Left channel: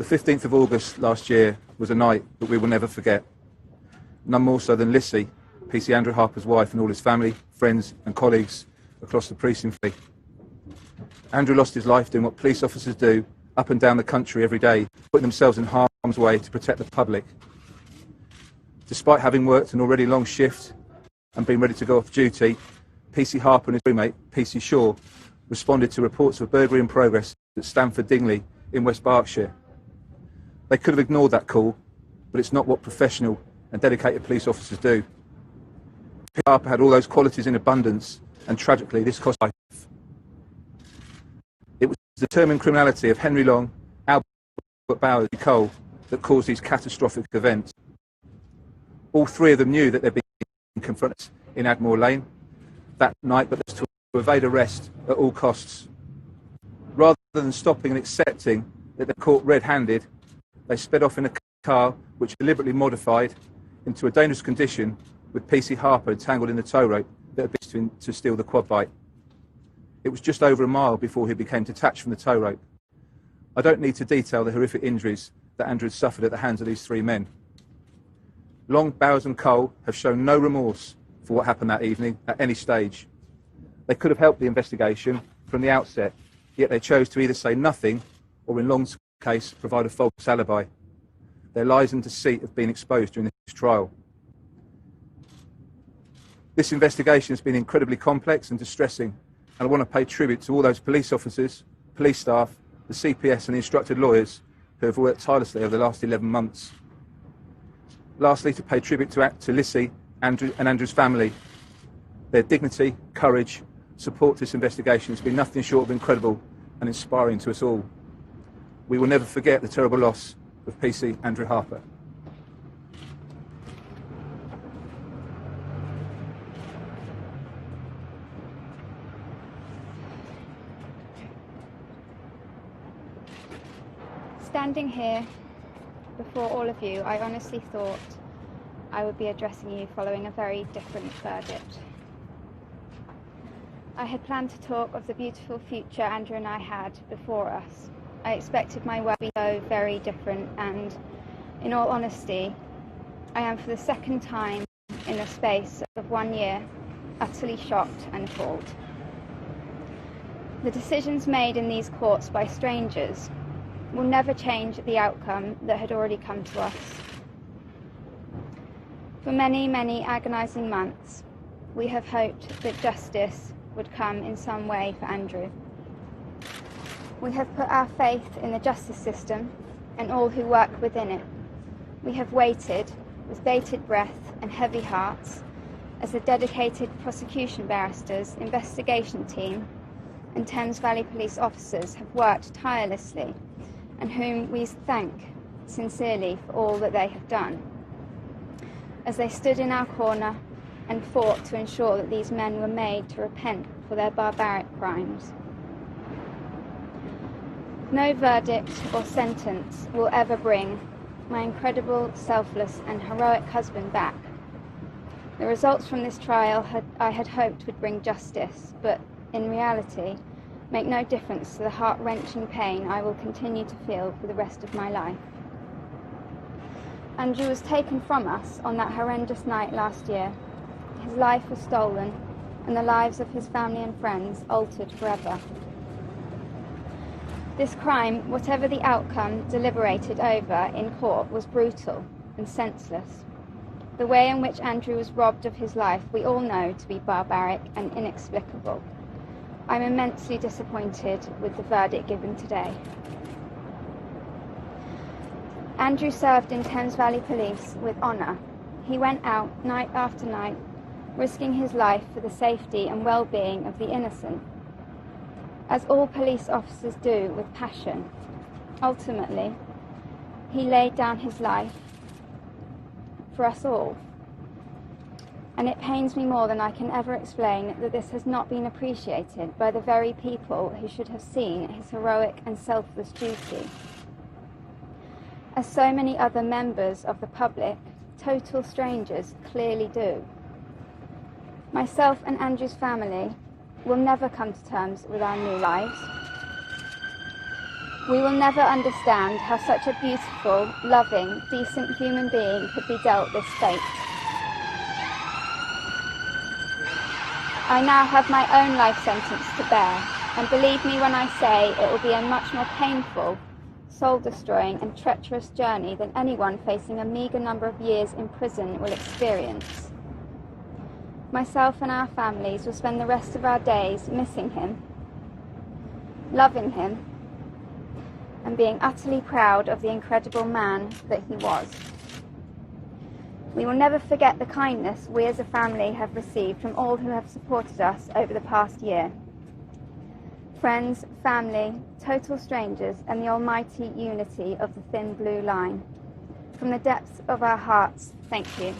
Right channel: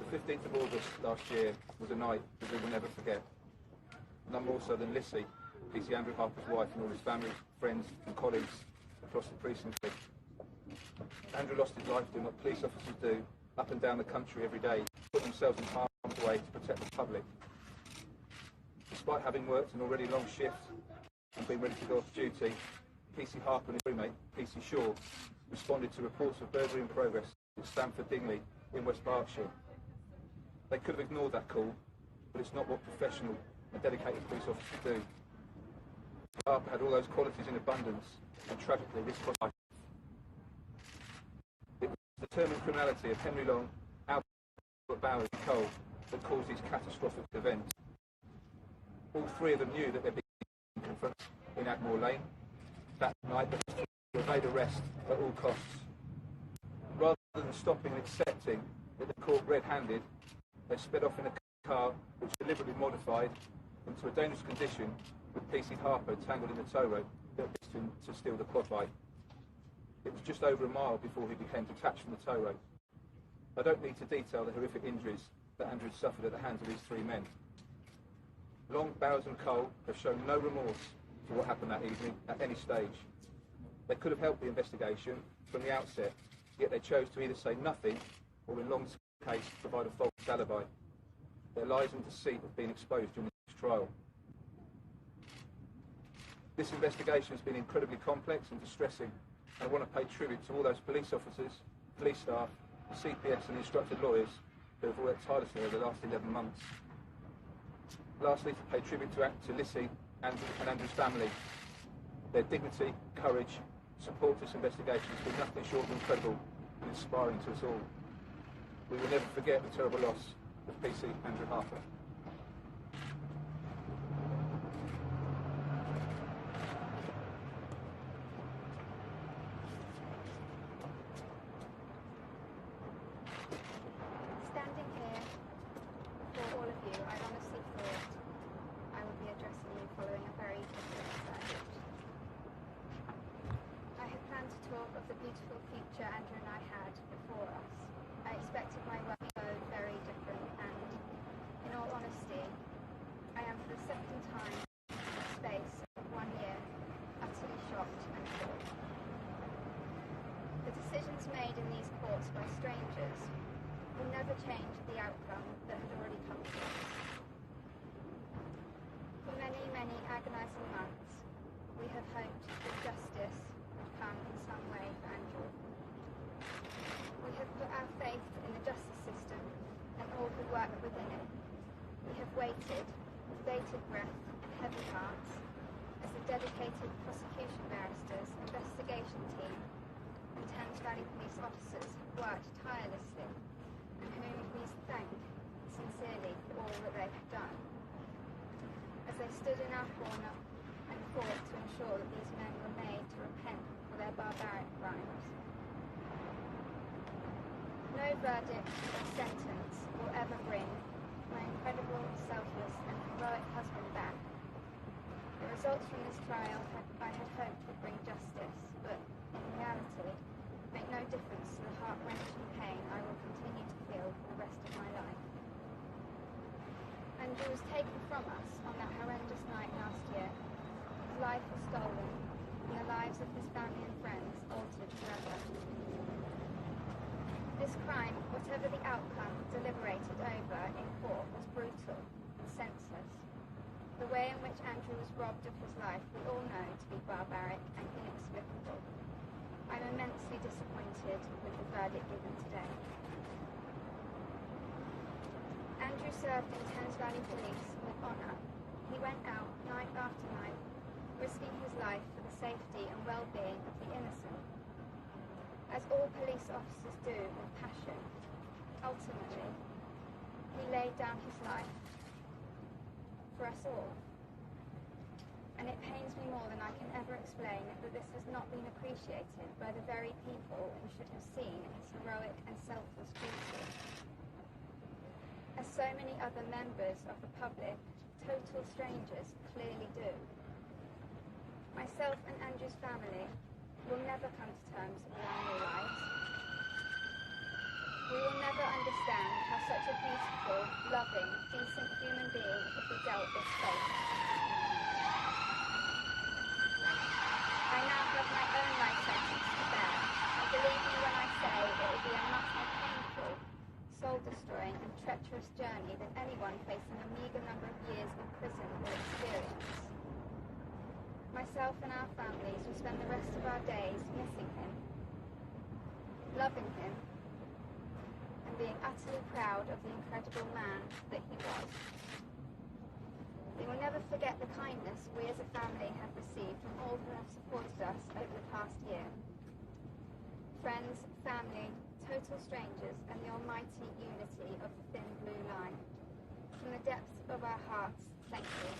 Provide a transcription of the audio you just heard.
The 15th of August last year was a night that we will never forget. None more so than Lissy, Pc Andrew Harper's wife, and all his family, friends and colleagues across the precinct. Andrew lost his life doing what police officers do up and down the country every day, putting themselves in harm's way to protect the public. Despite having worked an already long shift and being ready to go off duty, Pc Harper and his roommate, Pc Shaw, responded to reports of a burglary in progress at Stamford Dingley in West Berkshire. They could have ignored that call, but it's not what professional and dedicated police officers do. Pc Harper had all those qualities in abundance, and tragically this cost life. It was the determined criminality of Henry Long, Albert Bowers and Cole that caused these catastrophic events. All three of them knew that they'd been confronted in Admore Lane that night, but to evade arrest at all costs. Rather than stopping and accepting that they're caught red-handed, they sped off in a car which deliberately modified into a dangerous condition with Pc Harper entangled in the tow rope that had been to steal the quad bike. It was just over a mile before he became detached from the tow rope. I don't need to detail the horrific injuries that Andrew had suffered at the hands of these three men. Long, Bowers and Cole have shown no remorse for what happened that evening at any stage. They could have helped the investigation from the outset, yet they chose to either say nothing or, in Long's case, provide a false alibi. Their lies and deceit have been exposed during this trial. This investigation has been incredibly complex and distressing, and I want to pay tribute to all those police officers, police staff, the CPS and the instructed lawyers who have worked tirelessly over the last 11 months. Lastly, to pay tribute to Lissy, Andrew and Andrew's family. Their dignity, courage, support to this investigation has been nothing short of incredible and inspiring to us all. We will never forget the terrible loss of Pc Andrew Harper. Standing here before all of you, I honestly thought I would be addressing you following a very different verdict. I had planned to talk of the beautiful future Andrew and I had before us. I expected my work to be so very different, and in all honesty, I am for the second time in the space of 1 year utterly shocked and appalled. The decisions made in these courts by strangers will never change the outcome that had already come to us. For many, many agonising months, we have hoped that justice would come in some way for Andrew. We have put our faith in the justice system and all who work within it. We have waited with bated breath and heavy hearts as the dedicated prosecution barristers, investigation team and Thames Valley police officers have worked tirelessly, and whom we thank sincerely for all that they have done, as they stood in our corner and fought to ensure that these men were made to repent for their barbaric crimes. No verdict or sentence will ever bring my incredible, selfless and heroic husband back. The results from this trial I had hoped would bring justice, but in reality make no difference to the heart-wrenching pain I will continue to feel for the rest of my life. Andrew was taken from us on that horrendous night last year. His life was stolen and the lives of his family and friends altered forever. This crime, whatever the outcome deliberated over in court, was brutal and senseless. The way in which Andrew was robbed of his life we all know to be barbaric and inexplicable. I'm immensely disappointed with the verdict given today. Andrew served in Thames Valley Police with honour. He went out night after night, risking his life for the safety and well-being of the innocent, as all police officers do with passion. Ultimately, he laid down his life for us all. And it pains me more than I can ever explain that this has not been appreciated by the very people who should have seen his heroic and selfless duty. As so many other members of the public, total strangers, clearly do. Myself and Andrew's family will never come to terms with our new lives. We will never understand how such a beautiful, loving, decent human being could be dealt this fate. I now have my own life sentence to bear, and believe me when I say it will be a much more painful, soul-destroying and treacherous journey than anyone facing a meagre number of years in prison will experience. Myself and our families will spend the rest of our days missing him, loving him, and being utterly proud of the incredible man that he was. We will never forget the kindness we as a family have received from all who have supported us over the past year. Friends, family, total strangers, and the almighty unity of the thin blue line. From the depths of our hearts, thank you.